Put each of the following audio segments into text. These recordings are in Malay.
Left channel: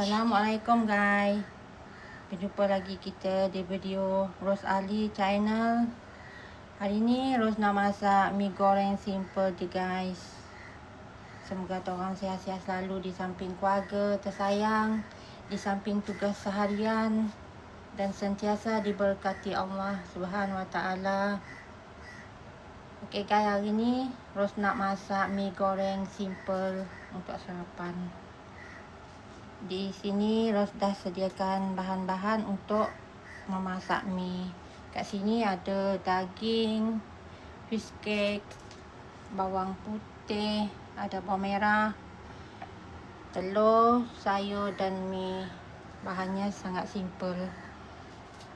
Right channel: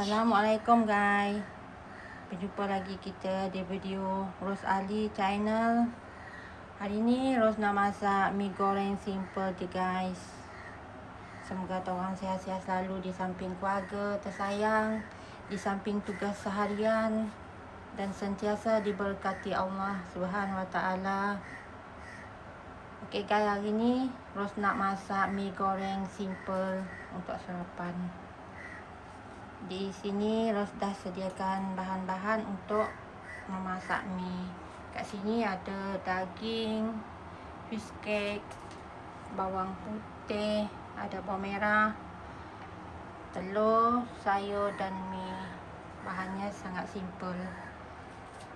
Assalamualaikum guys. Berjumpa lagi kita di video Rose Ali channel. Hari ni Rose nak masak mi goreng simple je guys. Semoga korang sihat-sihat selalu di samping keluarga tersayang, di samping tugas seharian, dan sentiasa diberkati Allah Subhanahu Wa Taala. Okey guys, hari ni Rose nak masak mi goreng simple untuk sarapan. Di sini Rose dah sediakan bahan-bahan untuk memasak mi. Kat sini ada daging, fish cake, bawang putih, ada bawang merah, telur, sayur dan mi. Bahannya sangat simple.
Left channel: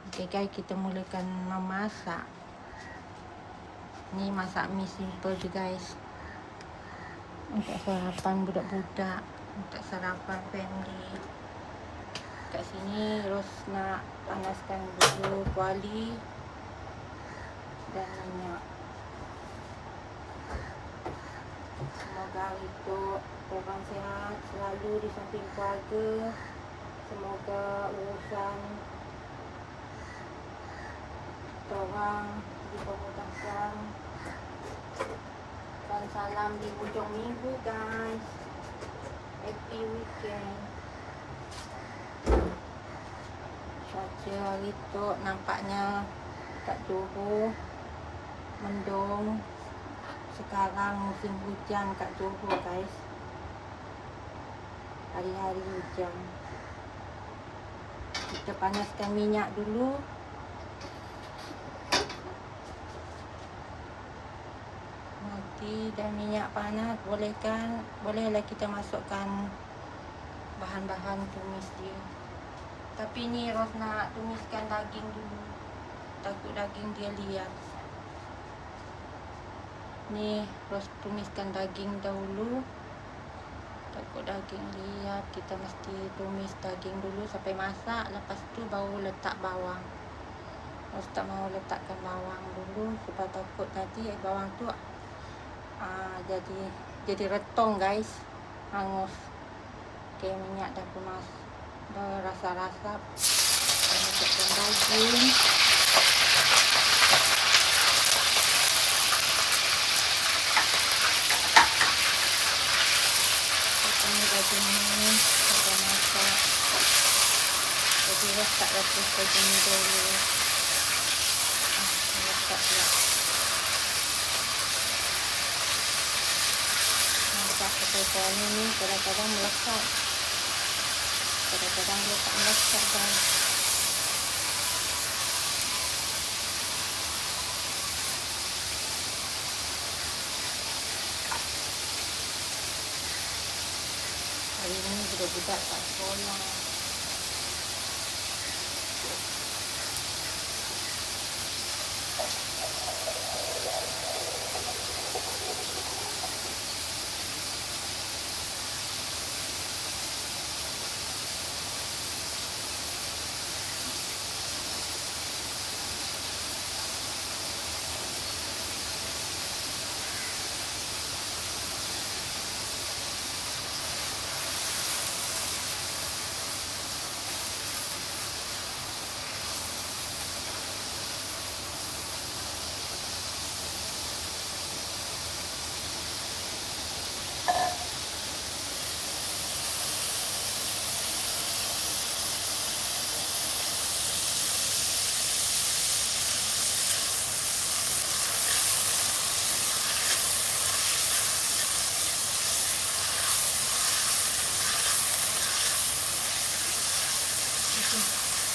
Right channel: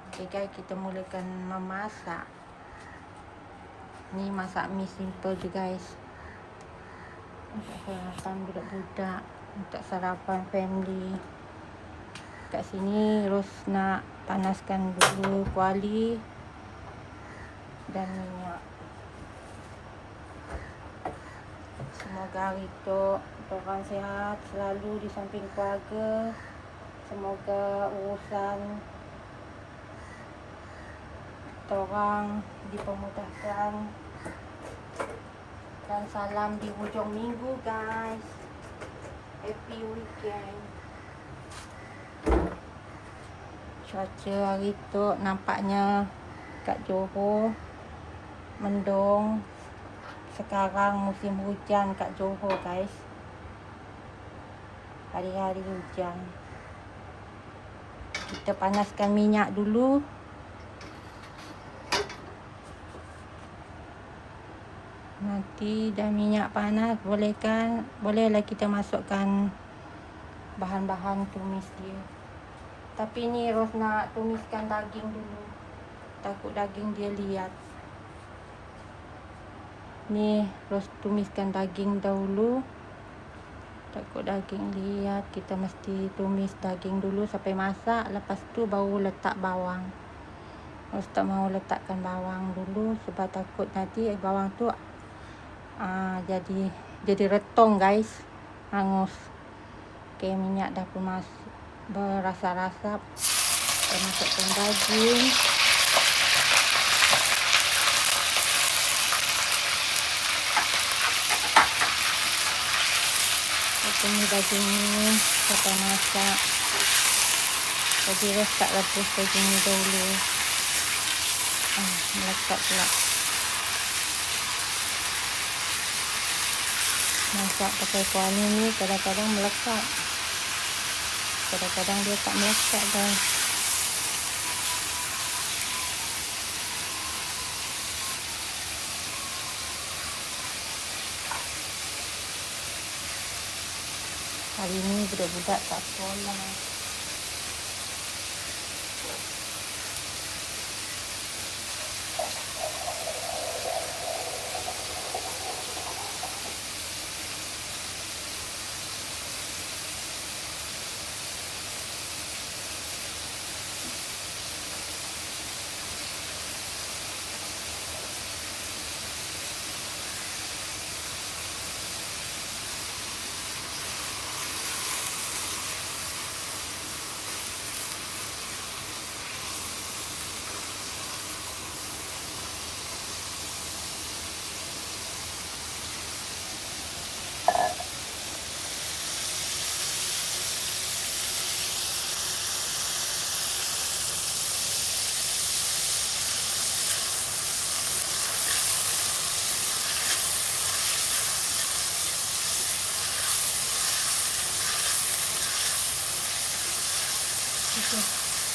Okey guys, kita mulakan memasak. Ni masak mi simple je guys. Untuk sarapan budak-budak, untuk sarapan family. Kat sini Rose nak panaskan dulu kuali dan minyak. Semoga hari tu korang sihat selalu di samping keluarga. Semoga urusan korang dipermudahkan. Dan salam di hujung minggu guys. Happy weekend. Cuaca hari tu nampaknya kat Johor mendung. Sekarang musim hujan kat Johor guys. Hari-hari hujan. Kita panaskan minyak dulu. Nanti dah minyak panas, bolehlah kita masukkan bahan-bahan tumis dia. Tapi ni Rose nak tumiskan daging dulu, takut daging dia liat. Ni Rose tumiskan daging dahulu, takut daging liat. Kita mesti tumis daging dulu sampai masak, lepas tu baru letak bawang. Rose tak mau letakkan bawang dulu sebab takut nanti bawang tu jadi retong guys, hangus. Okey, minyak dah kemas, berasa-rasa. Kita masukkan daging. Ini daging ni kita masak. Jadi letak lagi daging ni dulu. Letak pula. Masak pakai kuali ni kadang-kadang melekat, kadang-kadang dia tak melekat guys. Hari ni budak-budak tak sekolah.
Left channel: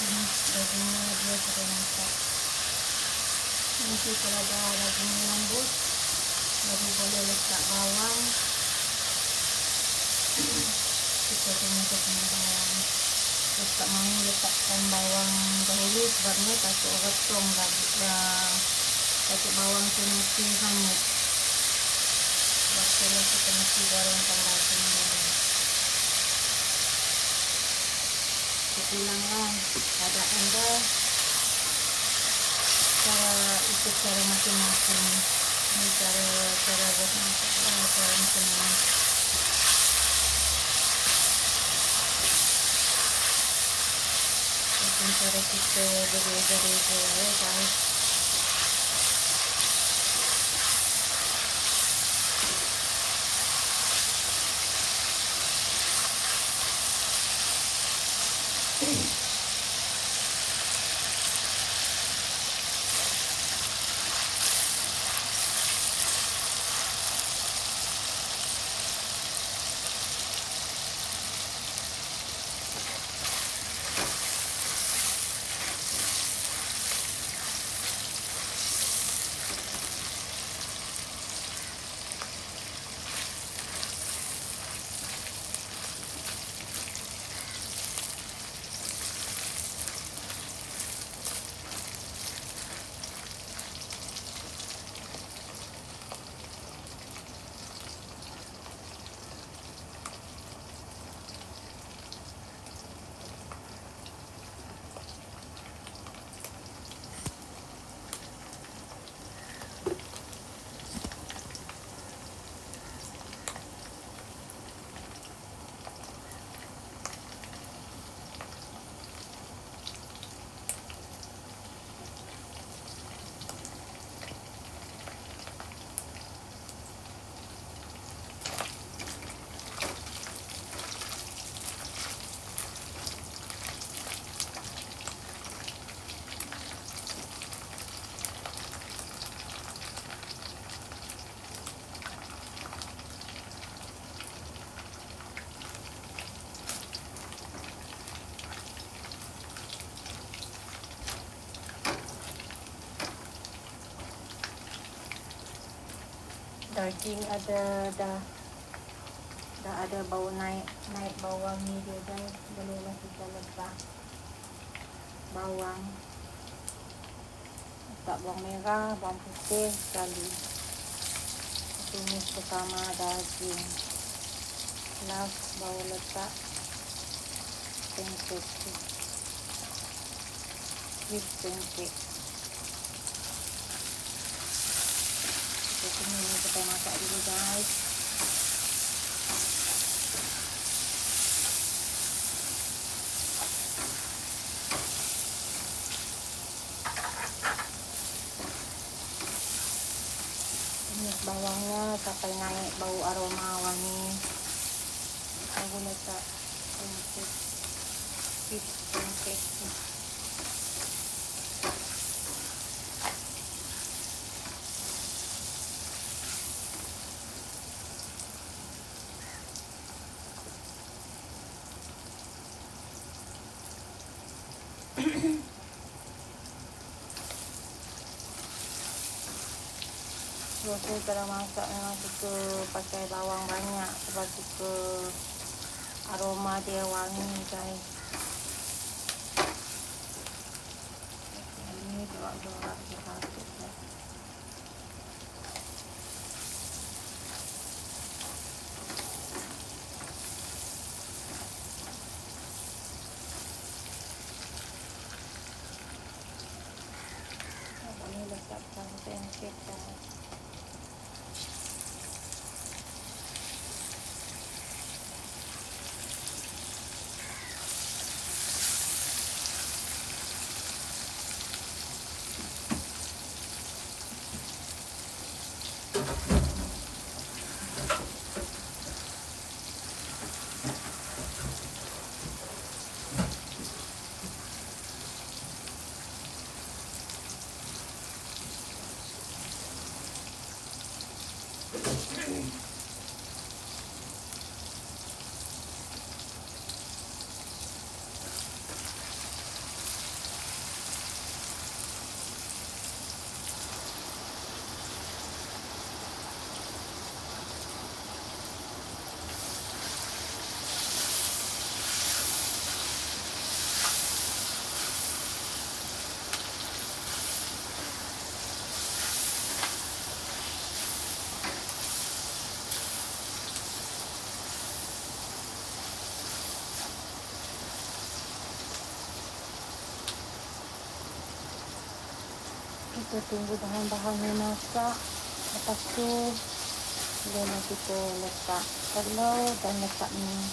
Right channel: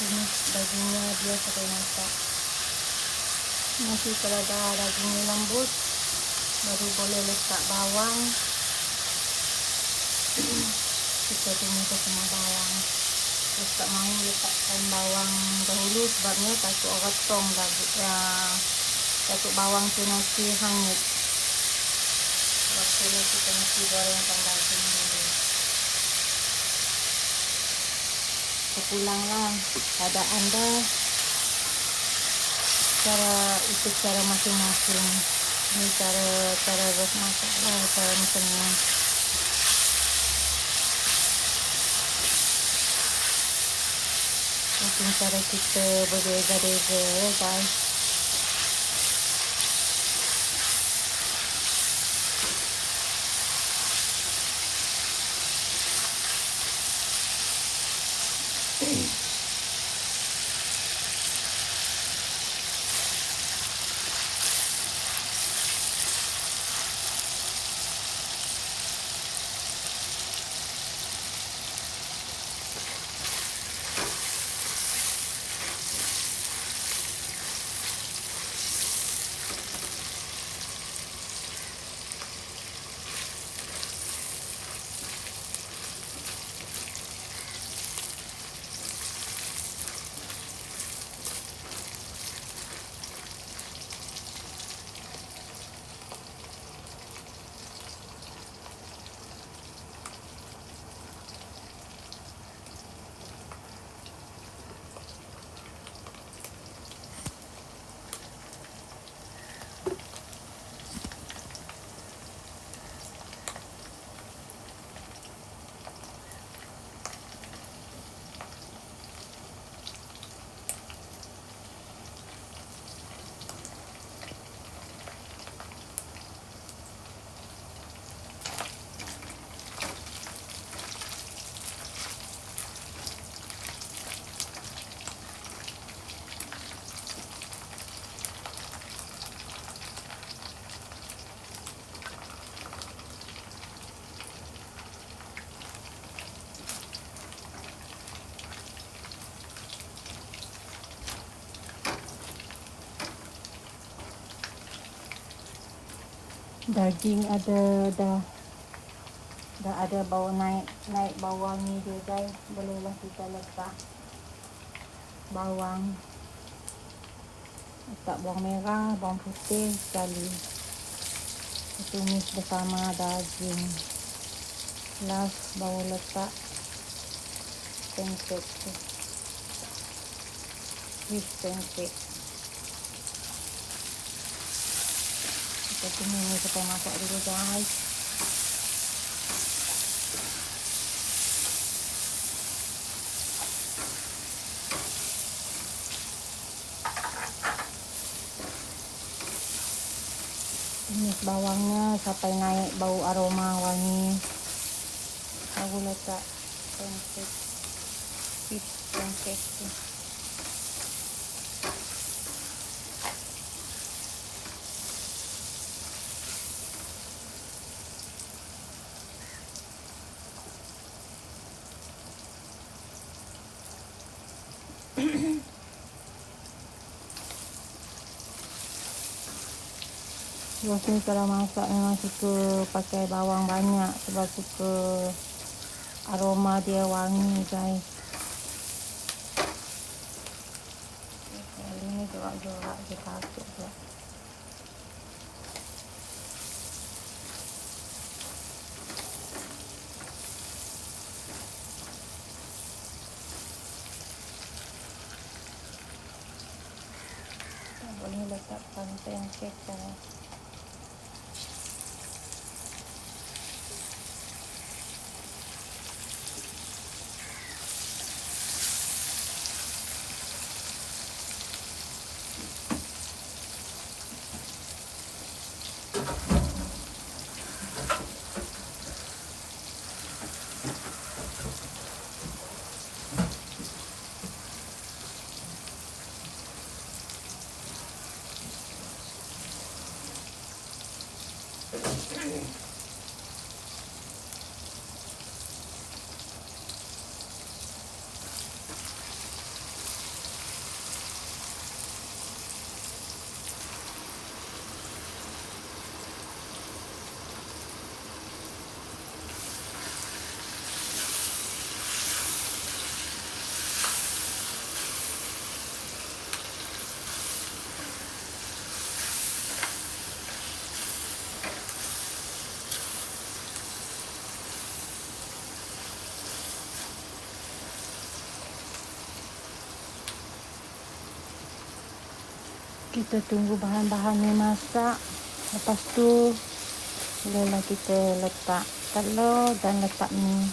Ini dagingnya dia sampai masak. Nanti kalau dah dagingnya lembut, baru boleh letak bawang. Kita tumis dengan bawang. Terus tak mahu letakkan bawang dahulu sebabnya takut retong lagi. Takut bawang tu nanti hanyut. Sebab itulah kita mesti gorengkan daging dulu. Pulanglah keadaan dah. Ikut cara masing-masing. Ini cara Rose masak lah, cara masing-masing. Mungkin cara kita berreza-reza guys. Daging dah ada bau naik bawang ni dia guys. Belumlah kita letak bawang, letak bawang merah, bawang putih sekali, tumis bersama daging. Last baru letak pancake, fish pancake. Ini kita masak dulu guys. Tumis bawangnya sampai naik bau aroma wangi. Baru letak pancake, fish pancake. Biasanya kalau masak memang suka pakai bawang banyak sebab suka aroma dia wangi guys. Ini gerak-gerak je patut je. Ini letakkan pancake guys. Kita tunggu bahan-bahan memasak. Lepas tu barulah kita letak telur dan letak mie.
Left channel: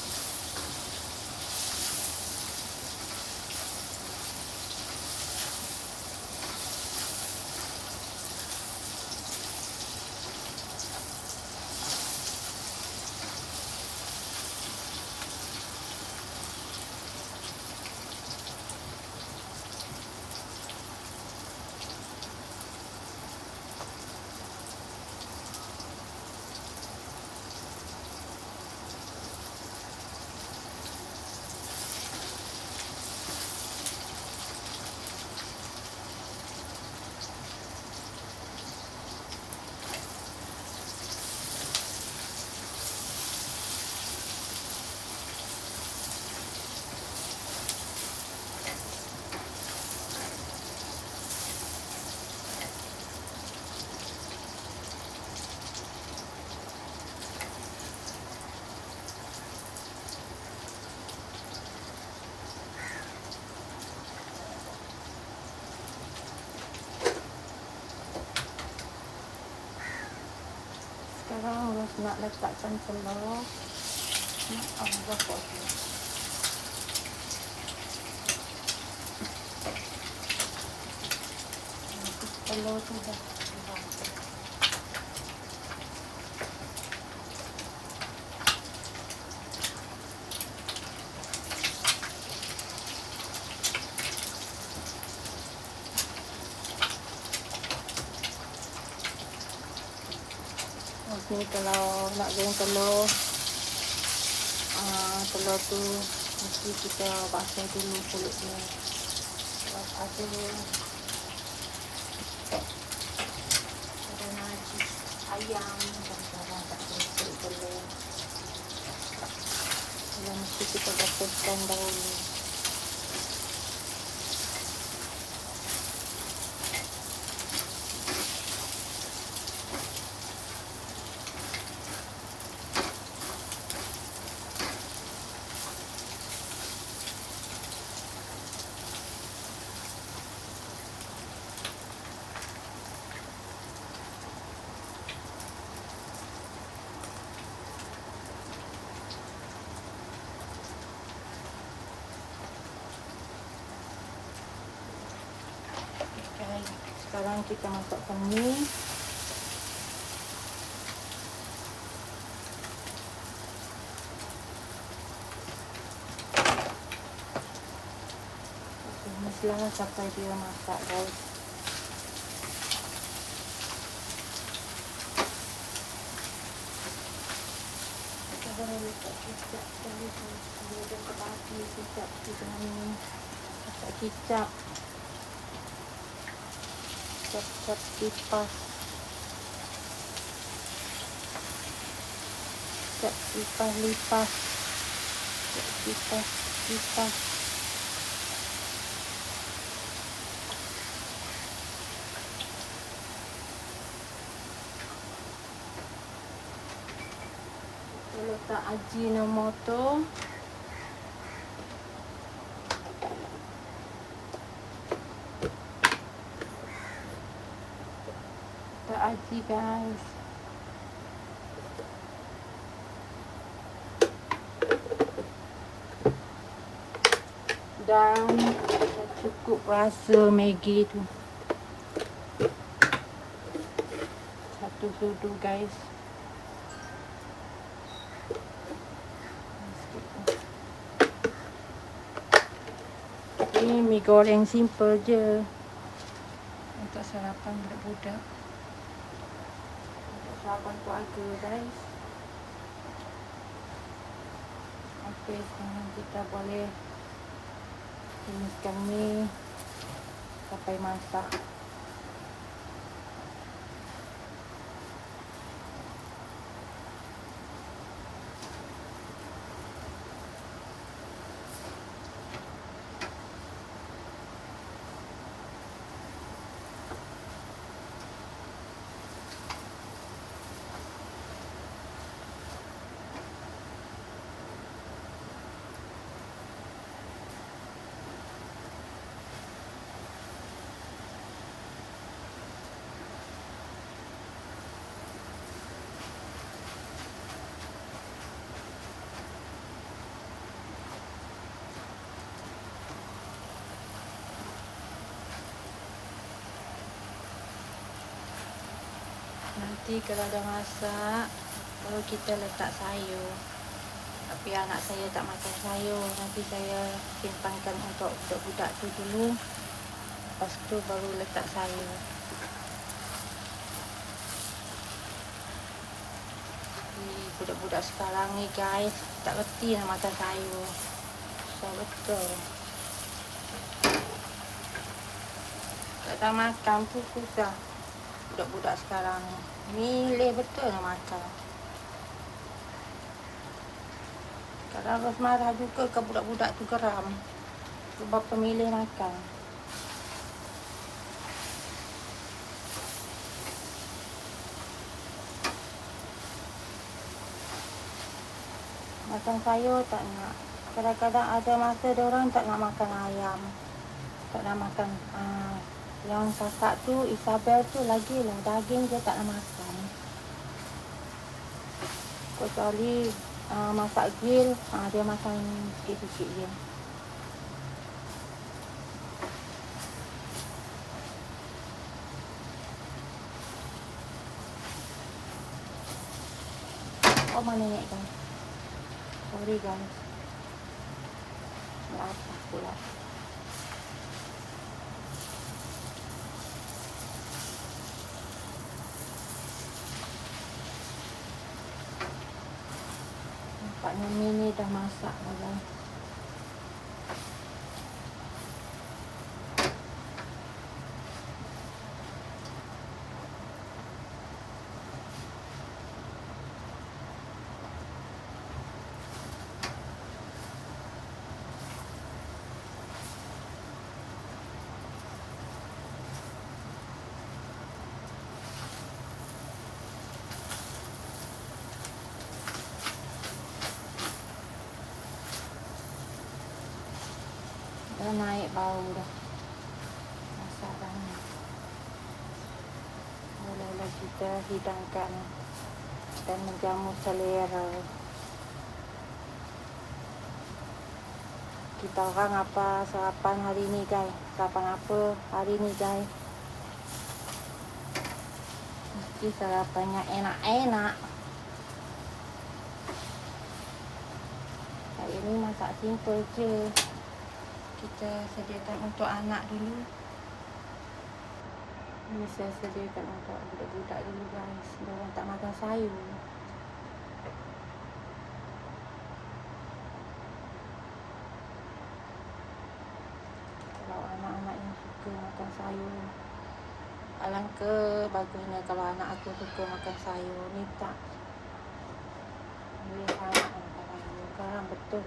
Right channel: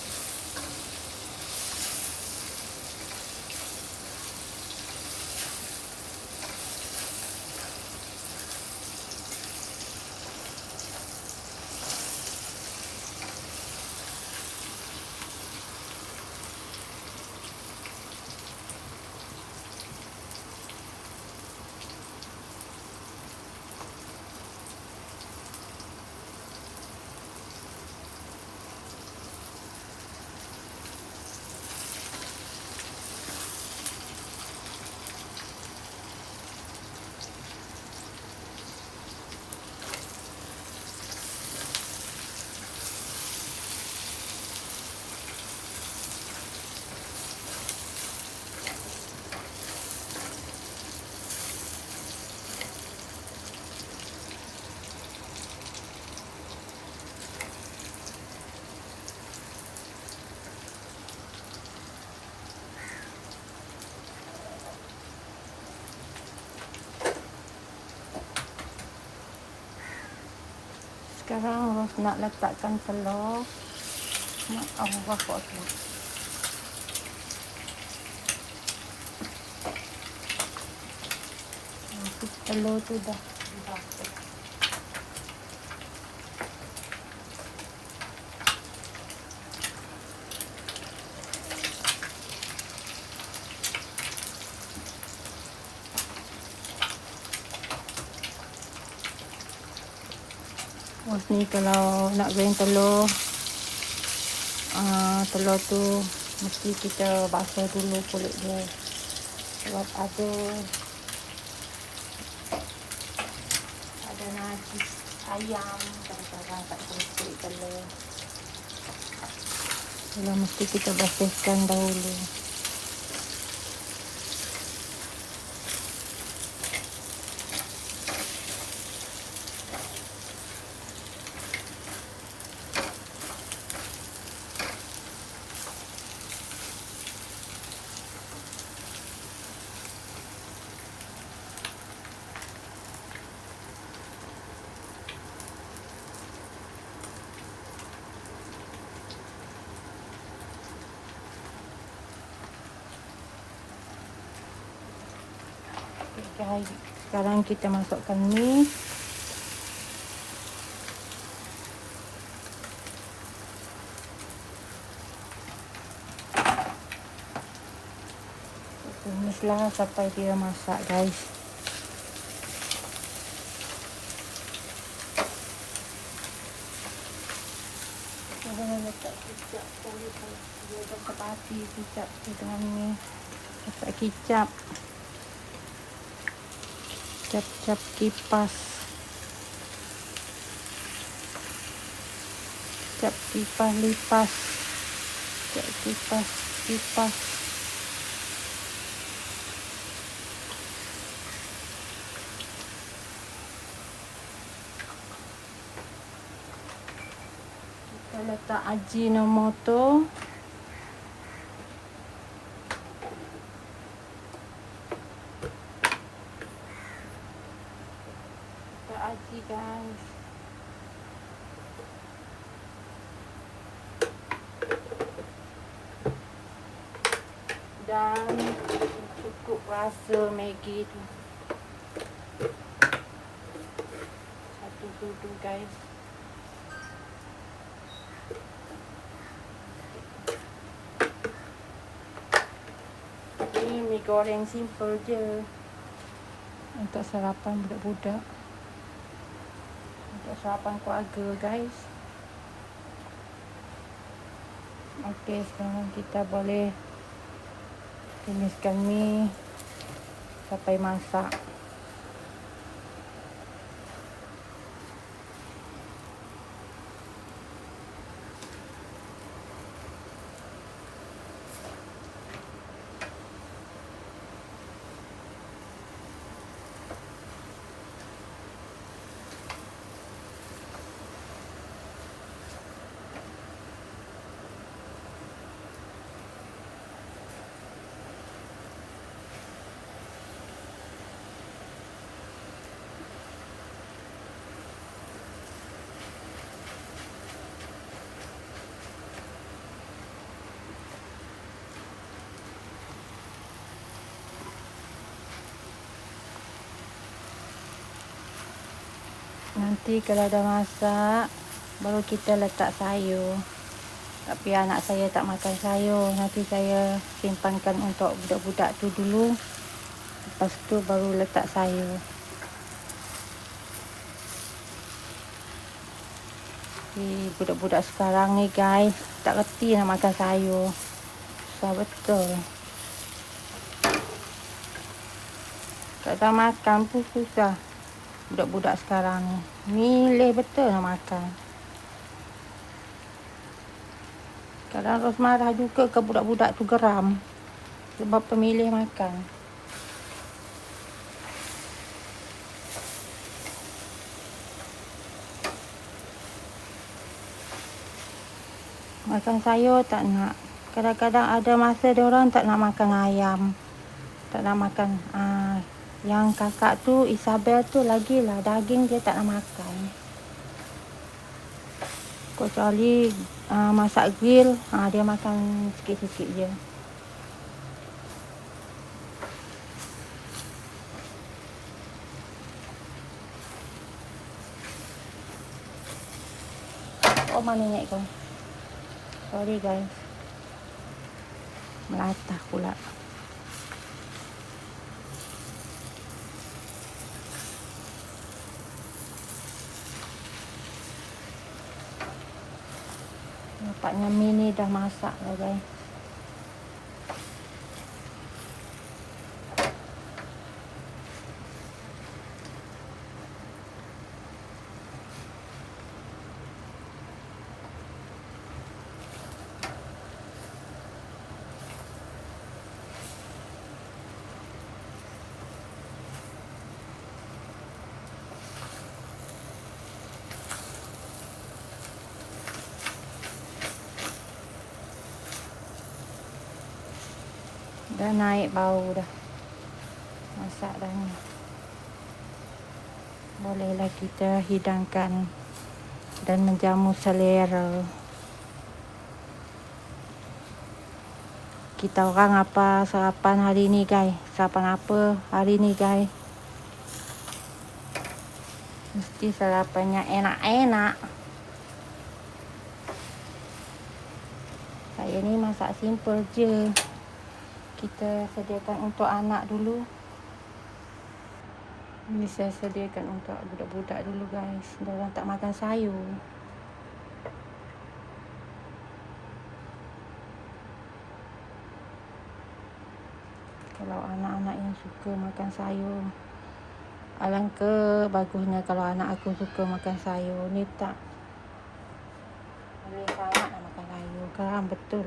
Sekarang Ros nak letakkan telur. Abu bakar tu. Telur tu dah. Ni kalau nak goreng telur, telur tu mesti kita basuh dulu kulit dia. Sebab ada nasi ayam dan cara tak basuh telur. Jadi mesti kita basuhkan dahulu. Sekarang kita masukkan ni. Tumislah sampai dia masak, guys. Kalau letak kicap sekali pun dia dekat api kicap tu dengan ni. Letak kicap. Cap-cap kipas. Cap kipas lipas. Cap kipas kipas. Kita letak Ajinomoto. Aji, guys. Dan cukup rasa Maggi tu. Satu sudu, guys. Ini mi goreng simple je untuk sarapan budak-budak. Sarapan keluarga, guys. Okey, sekarang kita boleh tumiskan ni sampai masak. Nanti kalau dah masak, baru kita letak sayur. Tapi anak saya tak makan sayur. Nanti saya simpankan untuk budak-budak tu dulu. Lepas tu baru letak sayur. Budak-budak sekarang ni, guys, tak reti nak makan sayur. Susah betul. Tak tahu makan pun susah. Budak-budak sekarang ni milih betul nak makan. Kadang Ros marah juga ke budak-budak tu geram sebab pemilih makan. Makan sayur tak nak. Kadang-kadang ada masa diorang tak nak makan ayam. Tak nak makan. Yang kakak tu, Isabel tu lagilah daging dia tak nak makan. Kecuali masak grill, dia makan sikit-sikit je. Oh, mana nenek kau? Sorry guys. Melatah pula. Nampaknya mi ni dah masak lah guys. Dah naik bau dah. Masak dah ni. Bolehlah kita hidangkan dan menjamu selera. Kita orang apa sarapan hari ni guys? Sarapan apa hari ni guys? Mesti sarapannya enak-enak. Saya ni masak simple je. Kita sediakan untuk anak dulu. Ini saya sediakan untuk budak-budak dulu guys. Diorang tak makan sayur. Kalau anak-anak yang suka makan sayur, alangkah bagusnya kalau anak aku suka makan sayur. Ni tak. Dia sangat makan sayur. Geram betul.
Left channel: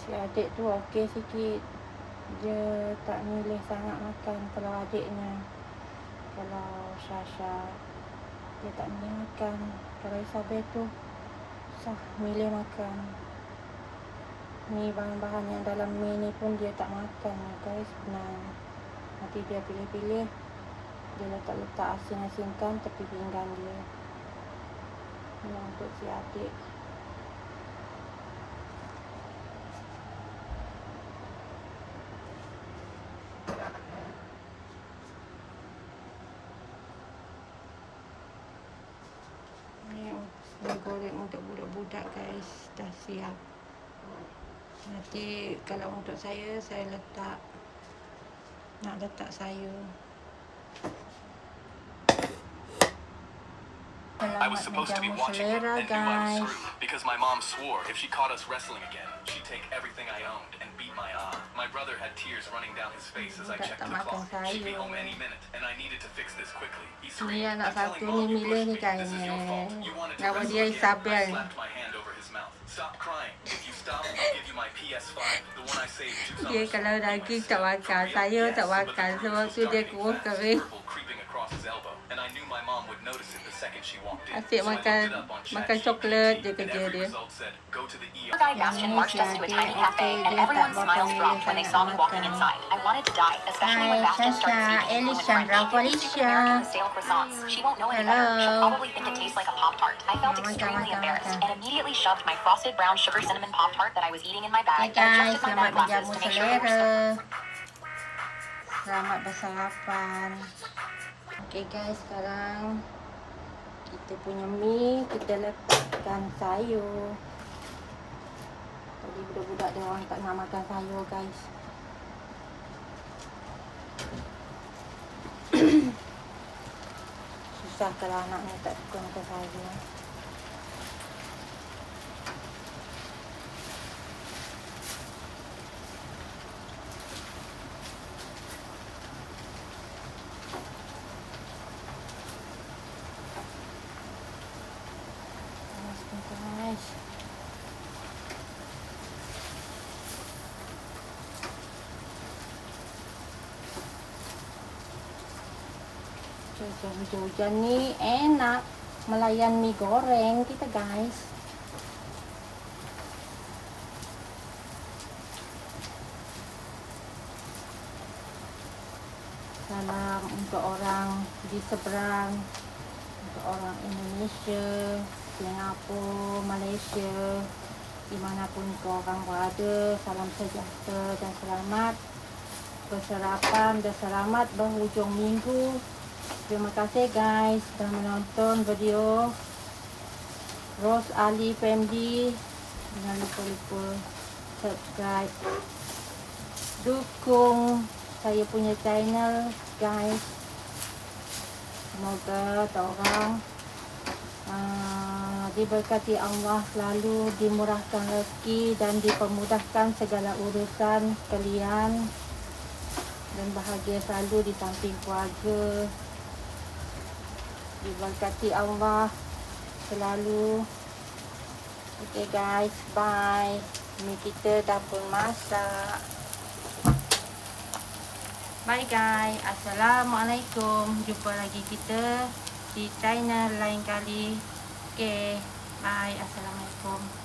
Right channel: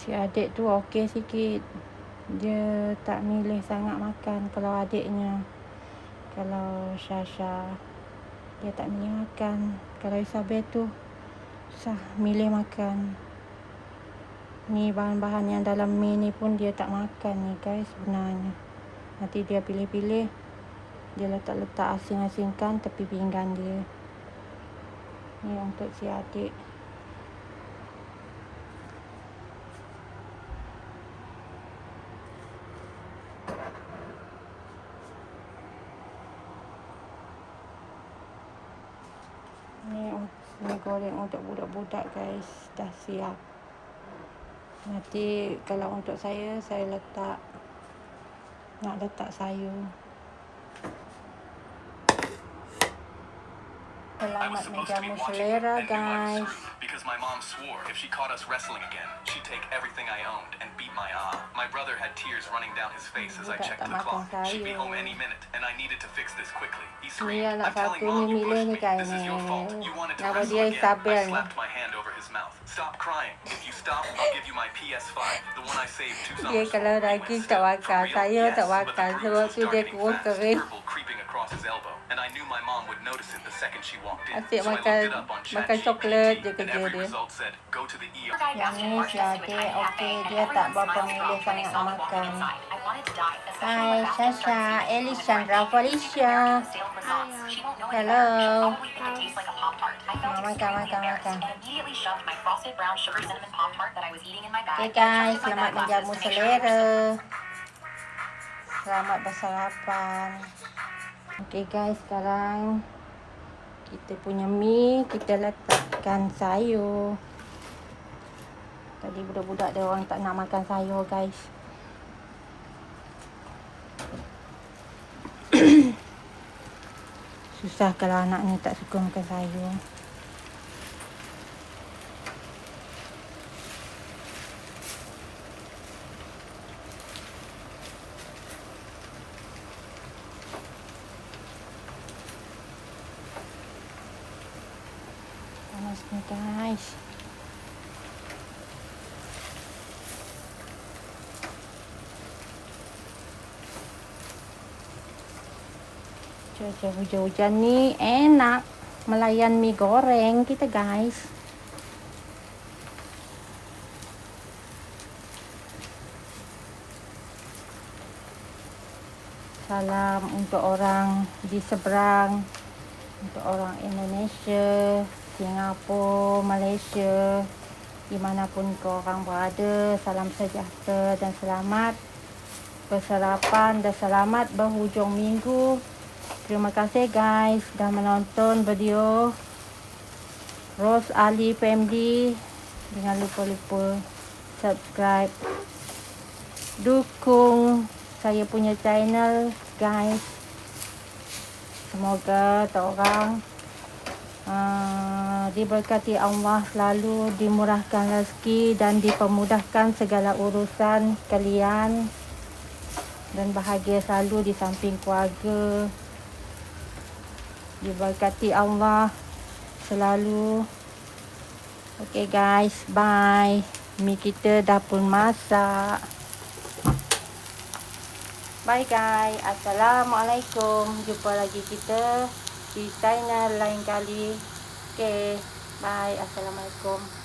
Si adik tu okey sikit. Dia tak milih sangat makan. Kalau adiknya, kalau Syasha, dia tak milih makan. Kalau Isabel tu susah milih makan. Ni bahan-bahan yang dalam mi ni pun dia tak makan ni guys sebenarnya. Nanti dia pilih-pilih. Dia letak-letak asing-asingkan tepi pinggan dia. Ni untuk si adik. Ni goreng untuk budak-budak guys. Dah siap. Nanti kalau untuk saya nak letak sayur. Selamat menjamu selera guys. Because my mom swore if she caught us wrestling again, she'd take everything I owned and beat my ass. My brother had tears running down his face as I checked the clock. She'd be home any minute, and I needed to fix this quickly. He screamed, Ni anak "I'm telling satu Mom ni you milih pushed ni me. guys. This is your fault. You wanted to Nama wrestle dia again." Isabel. I slapped my hand over his mouth. Stop crying. If you stop, I'll give you my PS5, the one I saved 2 Dia summers kalau ago. daging tak makan, saya tak makan. Sebab tu dia kurus kering. Purple creeping across his elbow, and I knew my mom would notice it the second she walked in. Asyik So I looked it up on makan coklat je kerja and every dia. result said, "Go to the ER." Yang ni si adik okey, dia tak berapa milih sangat nak makan. Hai Syasha, Elisandra Felicia. Hello. Makan. Okay guys, selamat menjamu selera. Selamat bersarapan. Okay guys, sekarang kita punya mi, kita letakkan sayur. Tadi budak-budak dia orang tak nak makan sayur guys. Susah kalau anak ni tak suka makan sayur. Panas nih guys. Cuaca hujan-hujan nih enak melayan mie goreng kita guys. Salam untuk orang di seberang, untuk orang Indonesia, Singapura, Malaysia, dimanapun korang berada. Salam sejahtera dan selamat bersarapan dan selamat berhujung minggu. Terima kasih guys dah menonton video Rose Ali Family. Jangan lupa subscribe, dukung saya punya channel guys. Semoga orang diberkati Allah, selalu dimurahkan rezeki dan dipermudahkan segala urusan kalian, dan bahagia selalu di samping keluarga. Diberkati Allah selalu. Okay guys, bye. Mie kita dah pun masak. Bye guys. Assalamualaikum. Jumpa lagi kita di channel lain kali. Okay, bye. Assalamualaikum.